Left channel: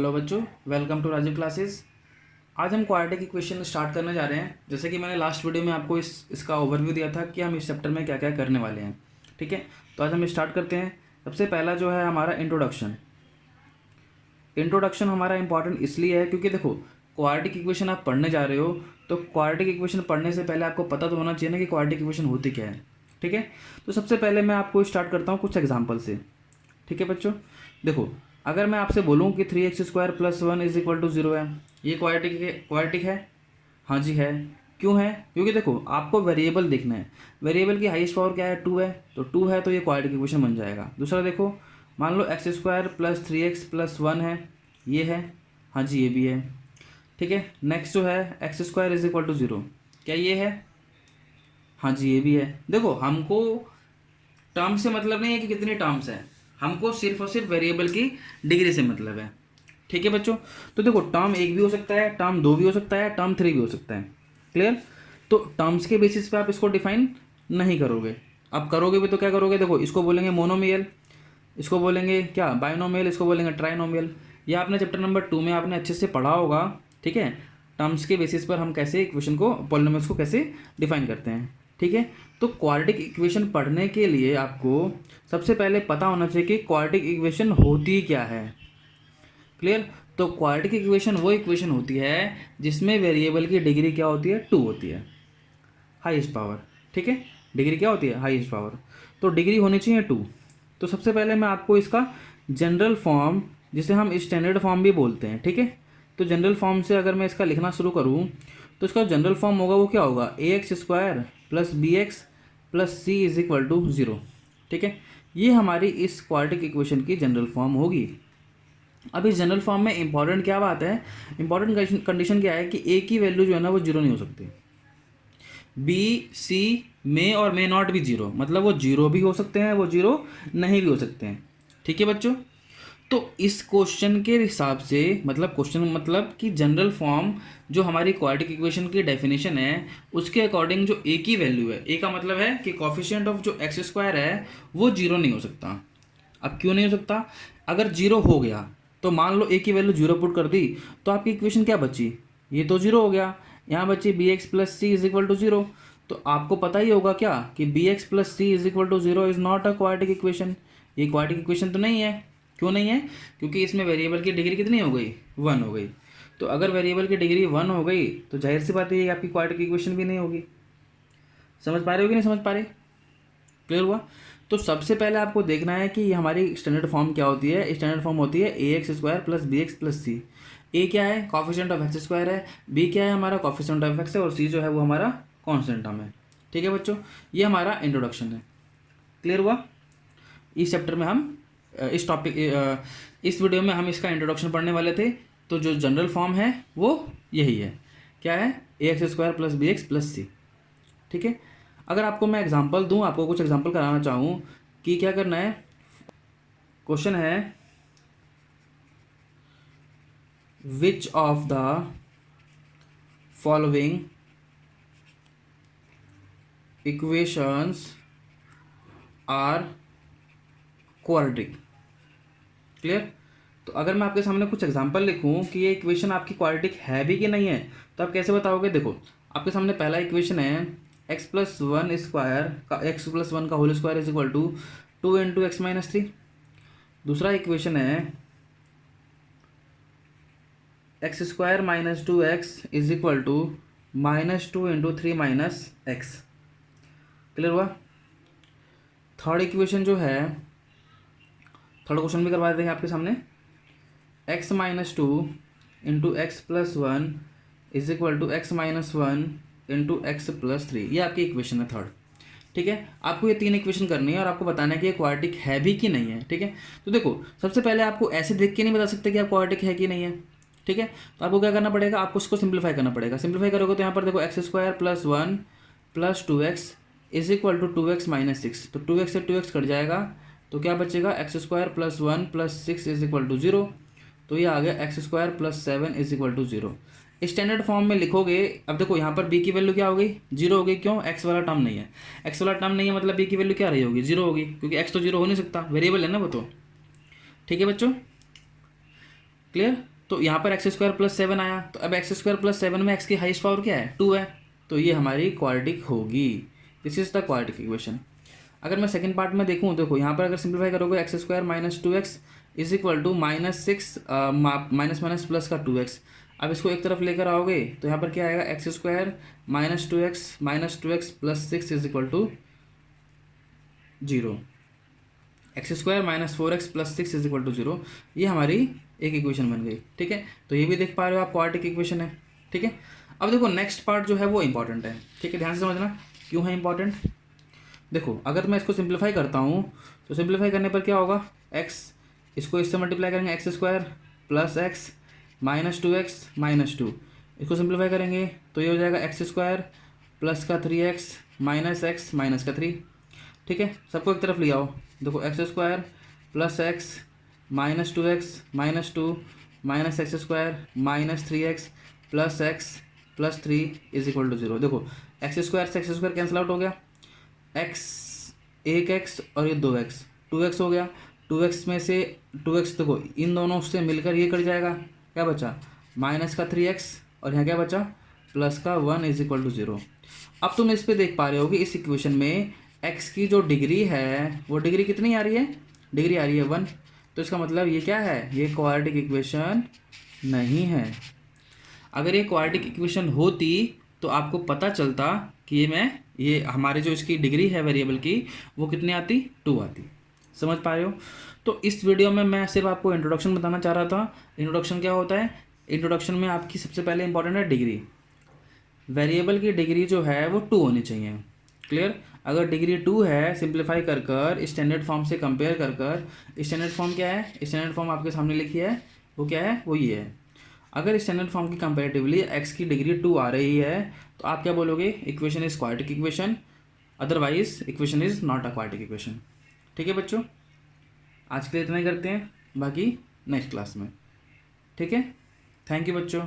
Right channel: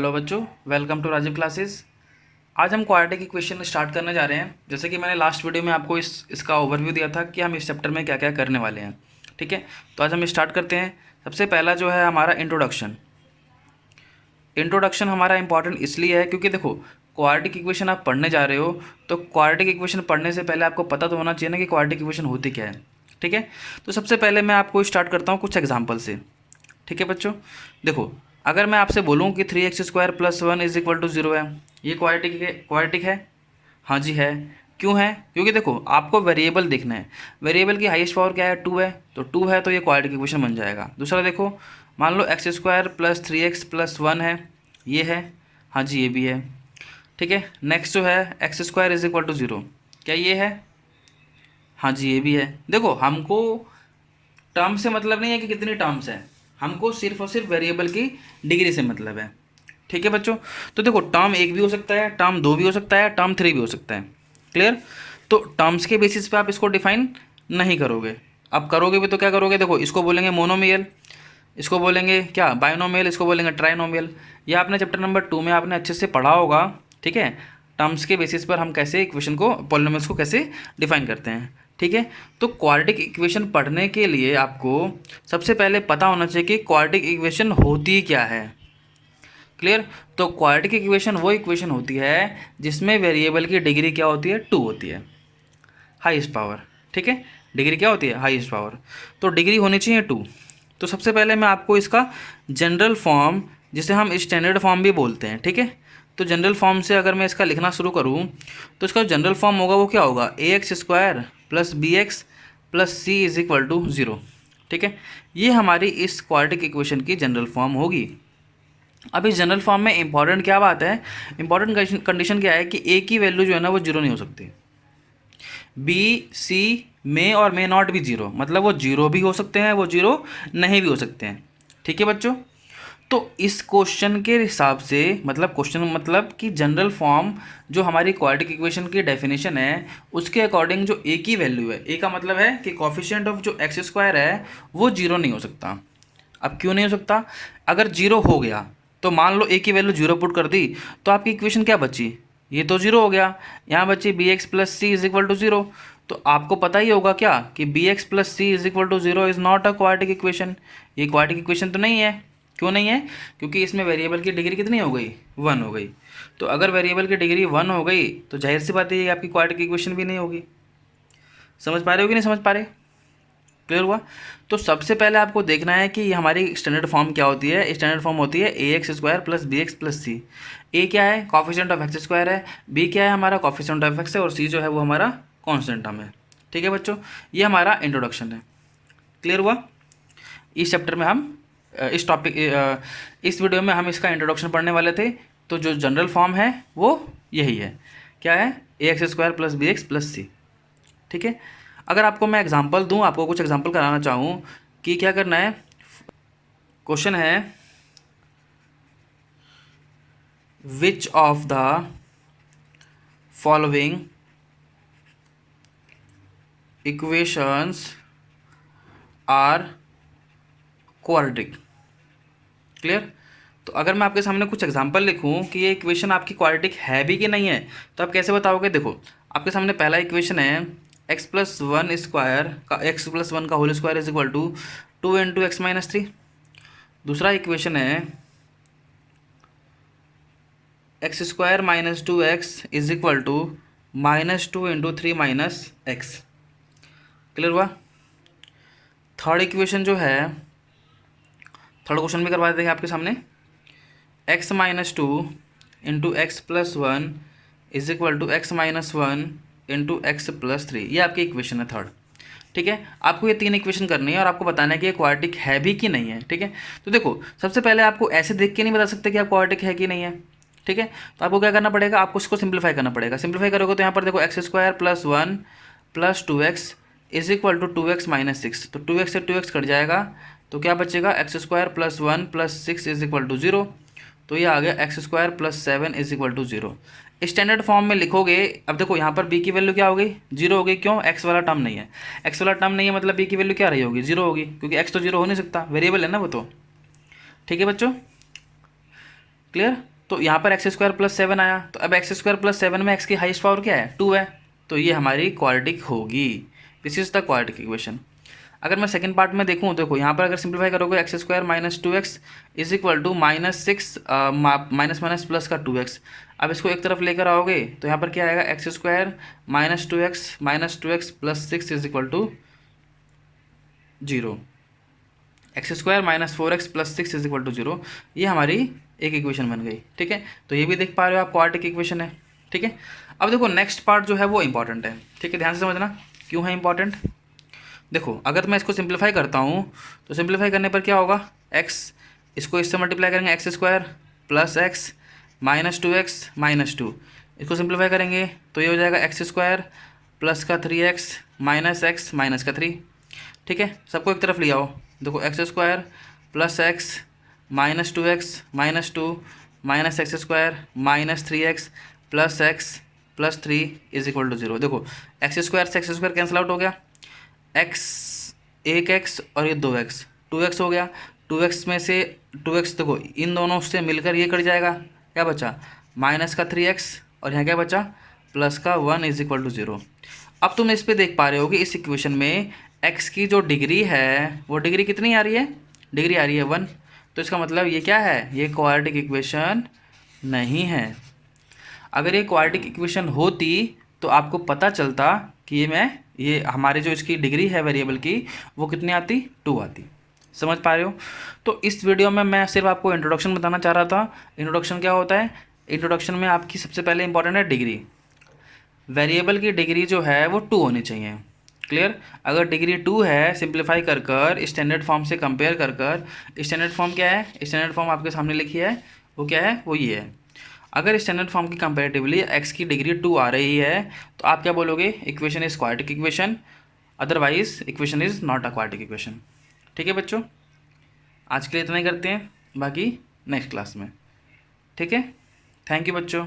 Hello बच्चों, welcome to Rajiv classes. आज हम क्वाड्रेटिक इक्वेशन स्टार्ट करने जा रहे हैं। जैसे कि मैंने लास्ट वीडियो में आपको इसका ओवरव्यू दिया था कि हम इस चैप्टर में क्या क्या करने वाले हैं। ठीक है, तो आज हम स्टार्ट करते हैं। सबसे पहला जो है हमारा इंट्रोडक्शन। इंट्रोडक्शन हमारा इंपॉर्टेंट इसलिए है क्योंकि देखो, क्वाड्रेटिक इक्वेशन आप पढ़ने जा रहे हो तो क्वाड्रेटिक इक्वेशन पढ़ने से पहले आपको पता तो होना चाहिए ना कि क्वाड्रेटिक इक्वेशन होती क्या है। ठीक है, तो सबसे पहले मैं आपको स्टार्ट करता हूँ कुछ एग्जाम्पल से। ठीक है बच्चों, देखो, अगर मैं आपसे बोलूँ कि 3x² + 1 इज इक्वल टू 0 है, ये क्वाड्रेटिक है? क्वाड्रेटिक है? हाँ जी है। क्यों है? क्योंकि देखो, आपको वेरिएबल देखना है। वेरिएबल की हाईएस्ट पावर क्या है? 2 है, तो 2 है तो ये क्वाड्रेटिक इक्वेशन बन जाएगा। दूसरा देखो, मान लो x² + 3x + 1 है, ये है। हाँ जी, ये भी है। ठीक है, नेक्स्ट जो है x² इज इक्वल टू 0, क्या ये है? हाँ जी, ये भी है। देखो, हमको टर्म से मतलब नहीं है कि कितने टर्म्स हैं, हमको सिर्फ और सिर्फ वेरिएबल की डिग्री से मतलब है। ठीक है बच्चों, तो देखो, टर्म 1 भी हो सकता है, टर्म 2 भी हो सकता है, टर्म 3 भी हो सकता है। क्लियर? तो टर्म्स के बेसिस पे आप इसको डिफाइन नहीं करोगे। अब करोगे भी तो क्या करोगे? देखो, इसको बोलेंगे मोनोमियल, इसको बोलेंगे क्या, बाइनोमियल, इसको बोलेंगे ट्राइनोमियल। ये आपने चैप्टर नंबर 2 में आपने अच्छे से पढ़ा होगा। ठीक है, टर्म्स के बेसिस पर हम कैसे इक्वेशन को, पॉलिनोमियल्स को कैसे डिफाइन करते हैं। ठीक है, तो क्वाड्रेटिक इक्वेशन पढ़ने के लिए आपको सबसे पहले पता होना चाहिए कि क्वाड्रेटिक इक्वेशन होती क्या है। क्लियर? तो क्वाड्रेटिक इक्वेशन वो इक्वेशन होती है जिसमें वेरिएबल की डिग्री क्या होती है? 2 होती है, हाईएस्ट पावर। ठीक है, डिग्री क्या होती है? Highest power. तो डिग्री होनी चाहिए 2। तो सबसे पहले मैं आपको इसका जनरल फॉर्म, जिसे हम स्टैंडर्ड फॉर्म भी बोलते हैं, ठीक है, तो जनरल फॉर्म से अगर मैं इसका लिखना शुरू करूँ तो इसका जनरल फॉर्म होगा वो क्या होगा? ax² + bx + c is equal to 0। ठीक है, ये हमारी इस क्वाड्रेटिक इक्वेशन की जनरल फॉर्म होगी। अब इस जनरल फॉर्म में इंपॉर्टेंट क्या बात है, इंपॉर्टेंट कंडीशन क्या है कि a की वैल्यू जो है ना वो 0 नहीं हो सकती। बी सी में और मे नॉट भी 0, मतलब वो 0 भी हो सकते हैं, वो 0 नहीं भी हो सकते हैं। ठीक है बच्चों, तो इस क्वेश्चन के हिसाब से, मतलब क्वेश्चन मतलब कि जनरल फॉर्म जो हमारी क्वाड्रेटिक इक्वेशन की डेफिनेशन है उसके अकॉर्डिंग जो ए की वैल्यू है, ए का मतलब है कि कोफिशिएंट ऑफ जो x² है वो 0 नहीं हो सकता। अब क्यों नहीं हो सकता? अगर 0 हो गया तो मान लो ए की वैल्यू 0 पुट कर दी तो आपकी इक्वेशन क्या बची? ये तो 0 हो गया। यहाँ बची bx + c is equal to 0। तो आपको पता ही होगा क्या कि bx + c is equal to 0 is not a quadratic equation. ये क्वाड्रेटिक इक्वेशन तो नहीं है। क्यों नहीं है? क्योंकि इसमें वेरिएबल की डिग्री कितनी हो गई? 1 हो गई। तो अगर वेरिएबल की डिग्री 1 हो गई तो जाहिर सी बात है कि आपकी क्वाड्रेटिक इक्वेशन भी नहीं होगी। समझ पा रहे हो कि नहीं समझ पा रहे? क्लियर हुआ? तो सबसे पहले आपको देखना है कि हमारी स्टैंडर्ड फॉर्म क्या होती है। स्टैंडर्ड फॉर्म होती है ax² + bx + c। ए क्या है? कॉफिशिएंट ऑफ x² है। बी क्या है? हमारा कॉफिशिएंट ऑफ x है। और सी जो है वो हमारा कांस्टेंट टर्म है। ठीक है बच्चों, ये हमारा इंट्रोडक्शन है। क्लियर हुआ? इस चैप्टर में हम इस टॉपिक इस वीडियो में हम इसका इंट्रोडक्शन पढ़ने वाले थे। तो जो जनरल फॉर्म है वो यही है। क्या है? ax² + bx + c। ठीक है, अगर आपको मैं एग्जांपल दूं, आपको कुछ एग्जांपल कराना चाहूँ कि क्या करना है। क्वेश्चन है, which of the following equations are quadratic. Clear? तो अगर मैं आपके सामने कुछ एग्जांपल लिखूं कि ये इक्वेशन आपकी क्वाड्रेटिक है भी कि नहीं है, तो आप कैसे बताओगे? देखो, आपके सामने पहला इक्वेशन है x + 1 स्क्वायर का, x + 1 का whole square is equal to 2 × x - 3। दूसरा इक्वेशन है x² - 2x is equal to -2 × 3 - x। Clear हुआ? थर्ड इक्वेशन जो है, थर्ड क्वेश्चन भी करवा देंगे आपके सामने। x - 2 × x + 1 is equal to x - 1 × x + 3। ये आपकी इक्वेशन है थर्ड। ठीक है, आपको ये 3 इक्वेशन करनी है और आपको बताना है कि ये क्वाड्रेटिक है भी कि नहीं है। ठीक है, तो देखो, सबसे पहले आपको ऐसे देख के नहीं बता सकते कि आप क्वाड्रेटिक है कि नहीं है। ठीक है, तो आपको क्या करना पड़ेगा? आपको इसको सिंप्लीफाई करना पड़ेगा। सिंप्लीफाई करोगे तो यहाँ पर देखो x² + 1 + 2x is equal to 2x - 6। तो 2x से 2x कट जाएगा तो क्या बचेगा? x² + 1 + 6 is equal to 0। तो ये आ गया x² + 7 is equal to 0। Standard form में लिखोगे। अब देखो, यहाँ पर b की वैल्यू क्या हो गई? 0 हो गई। क्यों? x वाला टर्म नहीं है। x वाला टर्म नहीं है मतलब b की वैल्यू क्या रही होगी? 0 होगी, क्योंकि x तो 0 हो नहीं सकता, वेरिएबल है ना वो तो। ठीक है बच्चों, क्लियर। तो यहाँ पर एक्स स्क्वायर प्लस 7 आया, तो अब एक्स स्क्वायर प्लस 7 में एक्स की हाईएस्ट पावर क्या है, 2 है, तो ये हमारी क्वाड्रेटिक होगी। This is the quadratic equation. अगर मैं सेकंड पार्ट में देखूँ, देखो यहाँ पर अगर सिंप्लीफाई करोगे x square minus 2x is equal to -6 minus minus plus का 2x। अब इसको एक तरफ लेकर आओगे तो यहाँ पर क्या आएगा, x square -2x plus 6 is equal to 0, x square -4x plus 6 is equal to 0। ये हमारी एक इक्वेशन बन गई, ठीक है। तो ये भी देख पा रहे हो आप क्वाड्रेटिक इक्वेशन है, ठीक है। अब देखो नेक्स्ट पार्ट जो है वो इंपॉर्टेंट है, ठीक है, ध्यान से समझना क्यों है इंपॉर्टेंट। देखो अगर मैं इसको सिंप्लीफाई करता हूँ तो सिंप्लीफाई करने पर क्या होगा, x इसको इससे मल्टीप्लाई करेंगे x square plus x -2x-2, इसको सिंप्लीफाई करेंगे तो ये हो जाएगा एक्स स्क्वायर प्लस का 3x माइनस एक्स माइनस का 3, ठीक है। सबको एक तरफ ले आओ, देखो x square plus x -2x-2 minus x square -3x plus x plus 3 is equal to 0। देखो एक्स स्क्वायर से एक्स स्क्वायर कैंसिल आउट हो गया, एक्स एक एक्स और ये 2x, 2x हो गया, 2x में से 2x देखो इन दोनों से मिलकर ये कट जाएगा, क्या बचा माइनस का 3x और यहाँ क्या बचा प्लस का 1 इज इक्वल टू 0। अब तुम इस पे देख पा रहे हो कि इस इक्वेशन में x की जो डिग्री है वो डिग्री कितनी आ रही है, डिग्री आ रही है 1। तो इसका मतलब ये क्या है, ये क्वाड्रेटिक इक्वेशन नहीं है। अगर ये क्वाड्रेटिक इक्वेशन होती तो आपको पता चलता कि ये हमारे जो इसकी डिग्री है वेरिएबल की वो कितनी आती, 2 आती। समझ पा रहे हो। तो इस वीडियो में मैं सिर्फ आपको इंट्रोडक्शन बताना चाह रहा था। इंट्रोडक्शन क्या होता है, इंट्रोडक्शन में आपकी सबसे पहले इंपॉर्टेंट है डिग्री। वेरिएबल की डिग्री जो है वो 2 होनी चाहिए, क्लियर। अगर डिग्री 2 है, सिंप्लीफाई कर कर स्टैंडर्ड फॉर्म से कंपेयर कर कर, स्टैंडर्ड फॉर्म क्या है, स्टैंडर्ड फॉर्म आपके सामने लिखी है, वो क्या है, वो ये है। अगर स्टैंडर्ड फॉर्म की कंपेरेटिवली एक्स की डिग्री 2 आ रही है तो आप क्या बोलोगे, equation is quadratic equation, otherwise equation is not a quadratic equation. ठीक है बच्चों, आज के लिए इतना ही करते हैं, बाकी नेक्स्ट क्लास में, ठीक है। थैंक यू बच्चों।